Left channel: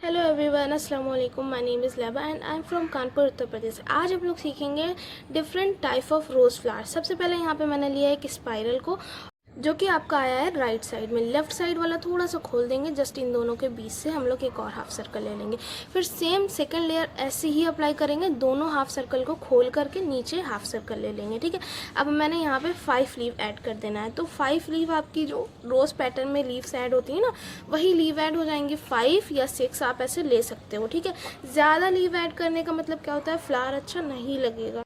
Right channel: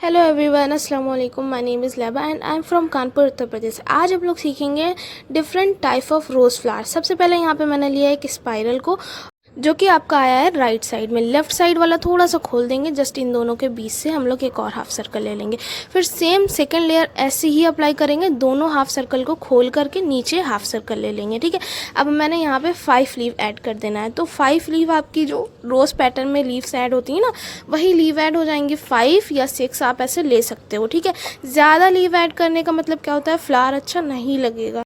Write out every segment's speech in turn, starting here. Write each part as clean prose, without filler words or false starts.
Hello everyone, अस्सलाम वालेकुम। My name is Leba and I am from Kanpur, Uttar Pradesh. आज हम लोग सीखेंगे different type of rose flower. सबसे पहले यहाँ पे मैंने लिया है एक स्पाइरल को, जो कि आपका आया है राइट साइड में। लेफ्ट साइड वाला थोड़ा सा खोल देंगे, जस्ट इन दोनों के बीच से हम लोग एक और हाफ सर्कल ले लेंगे। फिर सेम सेकंड लेयर ऐसे ही अप्लाई करेंगे, दोनों हाफ सर्कल को खोल करके नीचे हाफ सर्कल ले लेंगे। ठीक है, अब मैंने यहाँ पे 5 लीव ऐड कर देना है। तो 5 लीव आपकी जो रोज़ पैटर्न में लीव्स ऐड होती है ना, वही लीव ऐड हो जाएंगी। 5 या 6 आप ऐसे ले सकते हो। ठीक है, ज़्यादा लीव ऐड करने का मतलब क्या होता है, फ्लावर अच्छा नहीं लगेगा।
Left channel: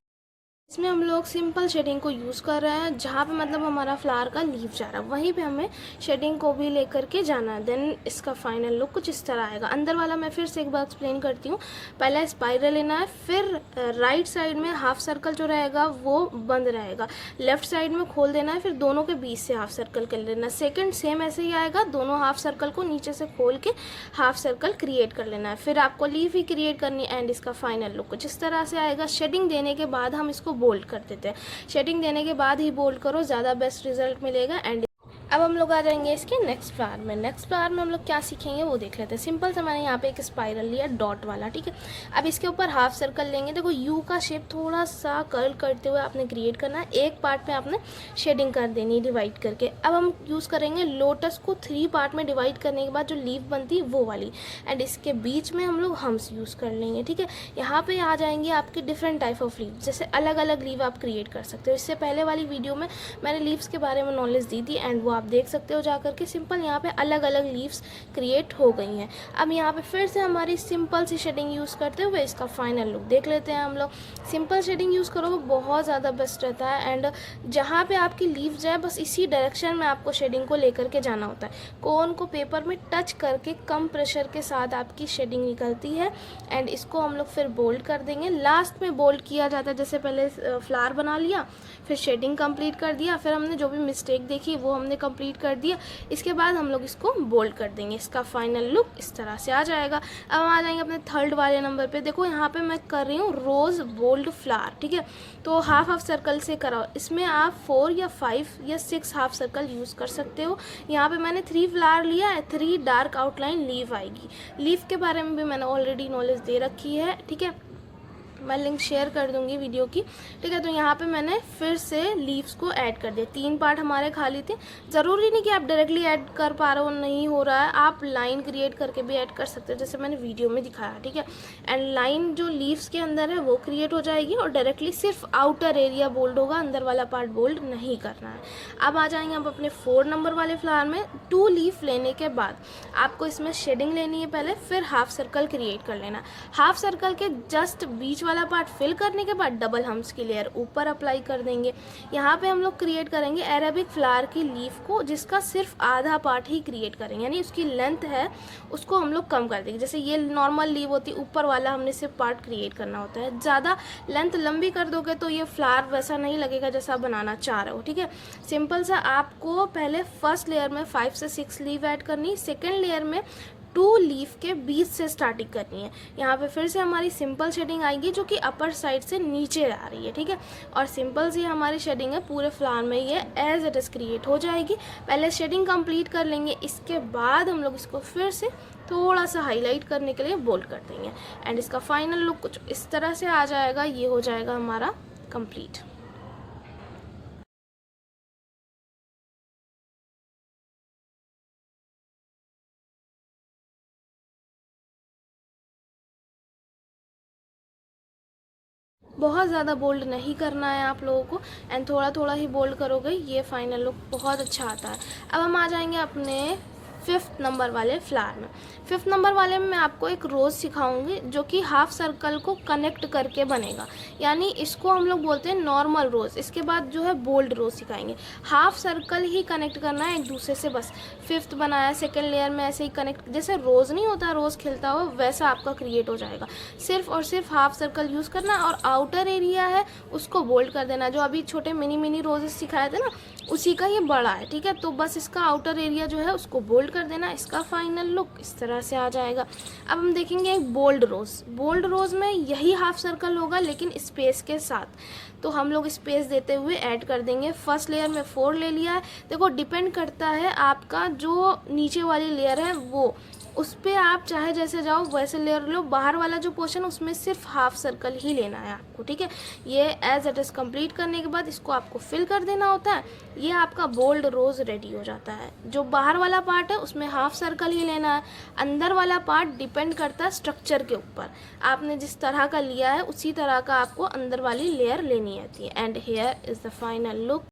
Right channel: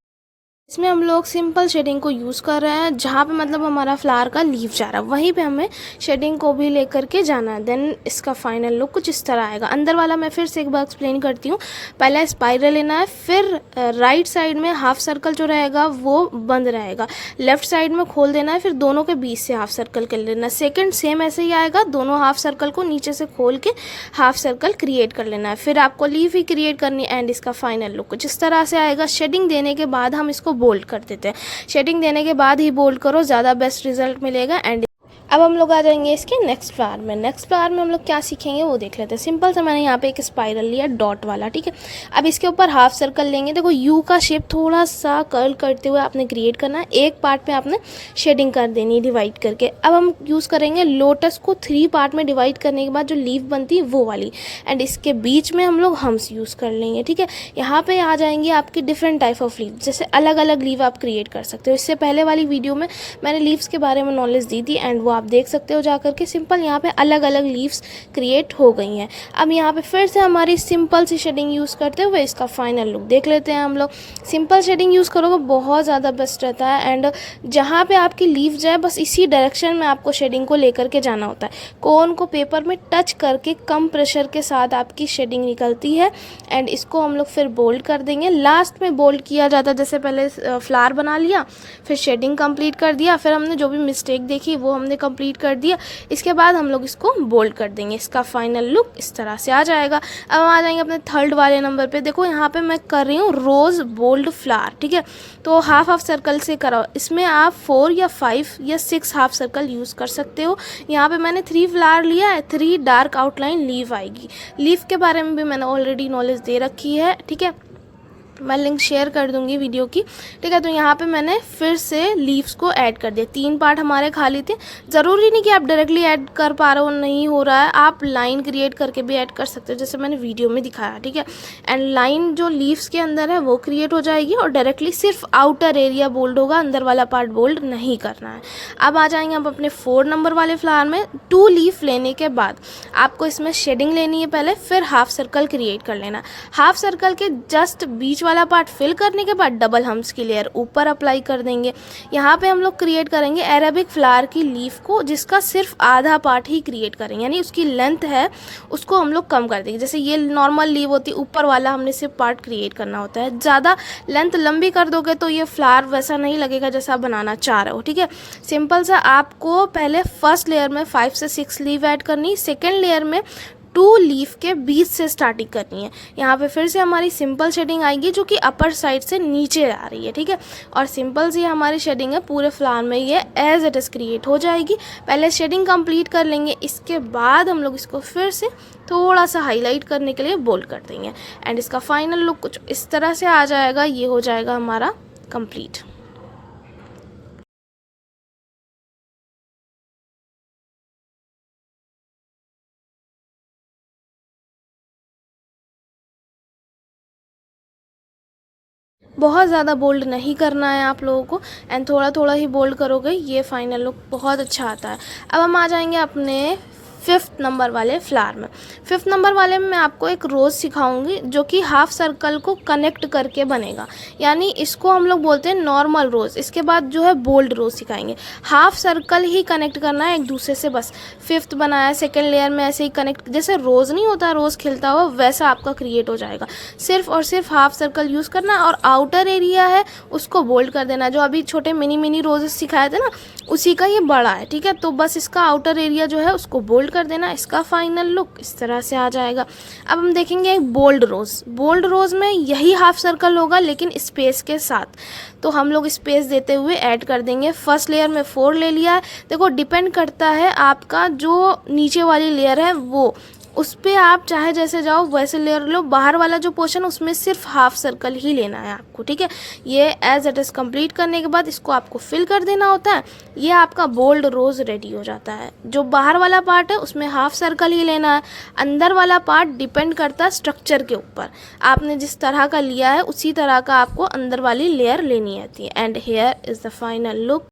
इसमें हम लोग सिंपल शेडिंग को यूज़ कर रहे हैं, जहाँ पे मतलब हमारा फ्लावर का लीफ जा रहा है वहीं पे हमें शेडिंग को भी लेकर के जाना है। देन इसका फाइनल लुक कुछ इस तरह आएगा। अंदर वाला मैं फिर से एक बार एक्सप्लेन करती हूँ। पहले स्पाइरल लेना है, फिर राइट साइड में हाफ सर्कल जो रहेगा वो बंद रहेगा, लेफ्ट साइड में खोल देना है, फिर दोनों के बीच से हाफ सर्कल कर लेना है। सेकेंड सेम ऐसे ही आएगा, दोनों हाफ सर्कल को नीचे से खोल के हाफ सर्कल क्रिएट कर लेना है। फिर आपको लीफ ही क्रिएट करनी है एंड इसका फाइनल लुक कुछ इस तरह से आएगा। शेडिंग देने के बाद हम इसको बोल्ड कर देते हैं। शेडिंग देने के बाद ही बोल्ड करो, ज़्यादा बेस्ट रिजल्ट मिलेगा। एंड अब हम लोग आ जाएंगे इसके नेक्स्ट फ्लावर में। नेक्स्ट फ्लावर में हम लोग क्या सीखेंगे वो देख लेते हैं। सिंपल से मैंने यहाँ पे एक स्पाइरल लिया डॉट वाला। ठीक है, अब इसके ऊपर हाफ सर्कल लेंगे। देखो यू का शेप थोड़ा सा कर्ल करते हुए आपने क्रिएट करना है। एक पार्ट पे आपने शेडिंग कर देनी है डिवाइड करके। अब हम यूज़ करेंगे लोटस को 3 पार्ट में डिवाइड करने के बाद जो लीफ बनती है वो वाली, एंड इसके बीच में हम लोग हम्स यूज़ कर लेंगे। ठीक है, यहाँ पे आ जाएंगे आपकी डिफरेंट टाइप ऑफ लीव, जैसे अलग अलग लीव आप क्रिएट कर सकते हो। इससे पहले वाली वीडियो में मैंने लीव्स के बारे में नॉलेज दी थी एंड वो आप देख सकते हो जाकर के। सिंपल यहाँ पे अलग अलग लीव्स क्रिएट हो गई हैं। अब यहाँ पे फिर से हमारी सिंपल सी शेडिंग यूज़ करते हुए इसका फाइनल लुक देख लेते हैं हम लोग। सिंपल शेडिंग यूज़ करोगे बहुत ज़्यादा बेस्ट रहता है, एंड जहाँ पे आपकी लीव जाए बस इसी डायरेक्शन में आपको शेडिंग को लेकर के जाना होता है। कोन को पेपर में टच करके कम प्रेशर के साथ आपकी शेडिंग निकलती है एंड इसको हम लोग फिर बोल्ड कर देंगे। लास्ट में बोल्ड किया जाता है, जैसे पहले फ्लावर बना लिया, फिर शेडिंग कंप्लीट कर दिया, फिर हमने जो भी मिस्टेक देखी वो हमने कंप्लीट कर दिया, इसके बाद हम लोग इसको बोल्ड कर देंगे। इसका फाइनल लुक इस तरह से आ जाएगा। अब हम आ जाएंगे अपने थर्ड वाले नंबर पे। देखो यहाँ पे मैं कर रही हूँ रोज़ बोल्ड फ्लावर। ठीक है, तो हाफ हाफ सर्कल से करो। इसमें आप 4 या 5 या 6 हाफ सर्कल यूज़ कर सकते हो। यहाँ पे मैंने 3 फ्लावर लिया है, 3 डार्क आउटलाइन लीव आएगी। लीव के बारे में भी मैंने ऑलरेडी नॉलेज दे रखी है। ठीक है, मैं लिंक शेयर कर दूंगी वीडियो की। ठीक है, तो यहाँ पे मैंने फिर से लीव्स को ऐड कर दिया। 3 पार्ट हमारे खाली थे। ज़रूरी नहीं कि आप डायरेक्टली ऐड कर पा रहे हो, नहीं हो रहा है, आप लाइन क्रिएट करके भी ऐड कर सकते हो, जैसे मैंने वीडियो में दिखाया। ठीक है, एंड लाइन जो लीव्स के अंदर है वो क्रिएट हो जाएगी और डायरेक्टली सिर्फ आउटर एरिया बोल्ड होगा, अंदर वाला पार्ट बोल्ड नहीं करना है। अब आ जाएंगे आप अपने 4 नंबर वाले फ्लावर में। 2 लीफ लेने के बाद आपको इसमें शेडिंग लेनी है पहले, फिर हाफ सर्कल क्रिएट कर लेना। हाफ सर्कल के जस्ट बीच वाला पार्ट फिल करने के बाद डबल हम्स की लेयर ऊपर अप्लाई कर देंगे। यहाँ पे हम लोग क्रिएट करेंगे अरेबिक फ्लावर की लीफ को, जिसका सिर्फ आधा पार्ट ही क्रिएट करेंगे, यानी उसकी लेंथ है उसको हम लोग कम कर देंगे। जैसे ये नॉर्मल लीव होती है, ऊपर वाला हमने सिर्फ पार्ट क्रिएट करना होता है। ज़्यादा लेंथ लंबी कर दोगे तो ये फ्लावर वैसा नहीं लगेगा जैसा आप बनाना चाह रहे हो। ठीक है, सिंपल सा आपको पहले फर्स्ट लेयर में 5 से 6 लीव ऐड करनी, सेकेंड लेयर में 2 लीफ के बीच से स्टार्टिंग करनी है। यहाँ पे फिर से हमारी सिंपल शेडिंग आएगी जो कि अपर साइड से नीचे आ रही है। ठीक है, और सिंपल सी हमारी शेडिंग है, पूरे फ्लावर में ये एज इट इज़ क्रिएट हो जाएगी। पहले शेडिंग कंप्लीट कर लेंगे, इसके बाद हम लोग इसको फिर से थोड़ा सा हाईलाइट करने के लिए बोल्ड कर देंगे एंड इसका फाइनल लुक कुछ इस तरह से आ जाएगा। ये हो जाएगा हमारा कंप्लीट। बहुत ज़्यादा बोल्ड नहीं करना है आप लोगों को, एंड थोड़ा थोड़ा ही बोल्ड करोगे, ये फाइनल लुक बहुत अच्छा आता है। अब हम आ जाएंगे अपने 5th नंबर वाले फ्लावर में। 5th नंबर वाले में मैं आपको एक रोज़ सिखाऊंगी जो कि हाफ सर्कल को कनेक्ट करके बनेगा, यानी इसको हम लोग बोलते हैं नॉर्मल रोज़। इसके बाद जो है बोल्ड रोज़ सिखाएंगे। हाफ सर्कल ही कनेक्ट करना है एक दूसरे से, बस 5th बनाया, सेकेंड लेयर में ऐसे ही कनेक्ट, जैसे रोज़ नहीं होता रोज़ खिलता हुआ, वैसा आपका क्रिएट हो जाएगा। सिर्फ और सिर्फ हाफ सर्कल यूज़ करना है और आउटर एरिया है उसको बोल्ड कर देना। जो अभी छोटे मिनी मिनी रोजेस सिखाए थे ना, उसी का ये बड़ा है। ठीक है, तो बस इसका आउटर एरिया जो है उसको बोल्ड कर देना। इसका फाइनल लुक इस तरह से आ जाएगा। अब हम देखेंगे एक बोल्ड रोज़। बोल्ड रोज़ में यही हाफ सर्कल होगा लेकिन स्पेस के साथ, तो हम लोग स्पेस देते हुए ऐड कर देंगे। फर्स्ट लेयर में 4 ले लिया है। देखो डिपेंड करता है आपका जो नीचे वाली लेयर है वो उस पर आप चाहे जैसे जाओ वैसे लेयर लो। बाहर वाला जो पोर्शन उसमें सिर्फ हाफ सर्कल ही लेना है आपको, ठीक है। ये एज इट इज़ कंप्लीट करने के बाद इसको आपको फिल कर देना होता है। ये आपका बोल्ड रोज़ रेडी हो जाता है। जो बाहर वाला पार्ट है उसमें हाफ सर्कल ही लेना है। अंदर वाला पार्ट डिपेंड करता है स्ट्रक्चर के ऊपर। आपने जिस तरह का लिया है उसी तरह का आपको अंदर वाली लेयर लेनी आती है। And here is the final look.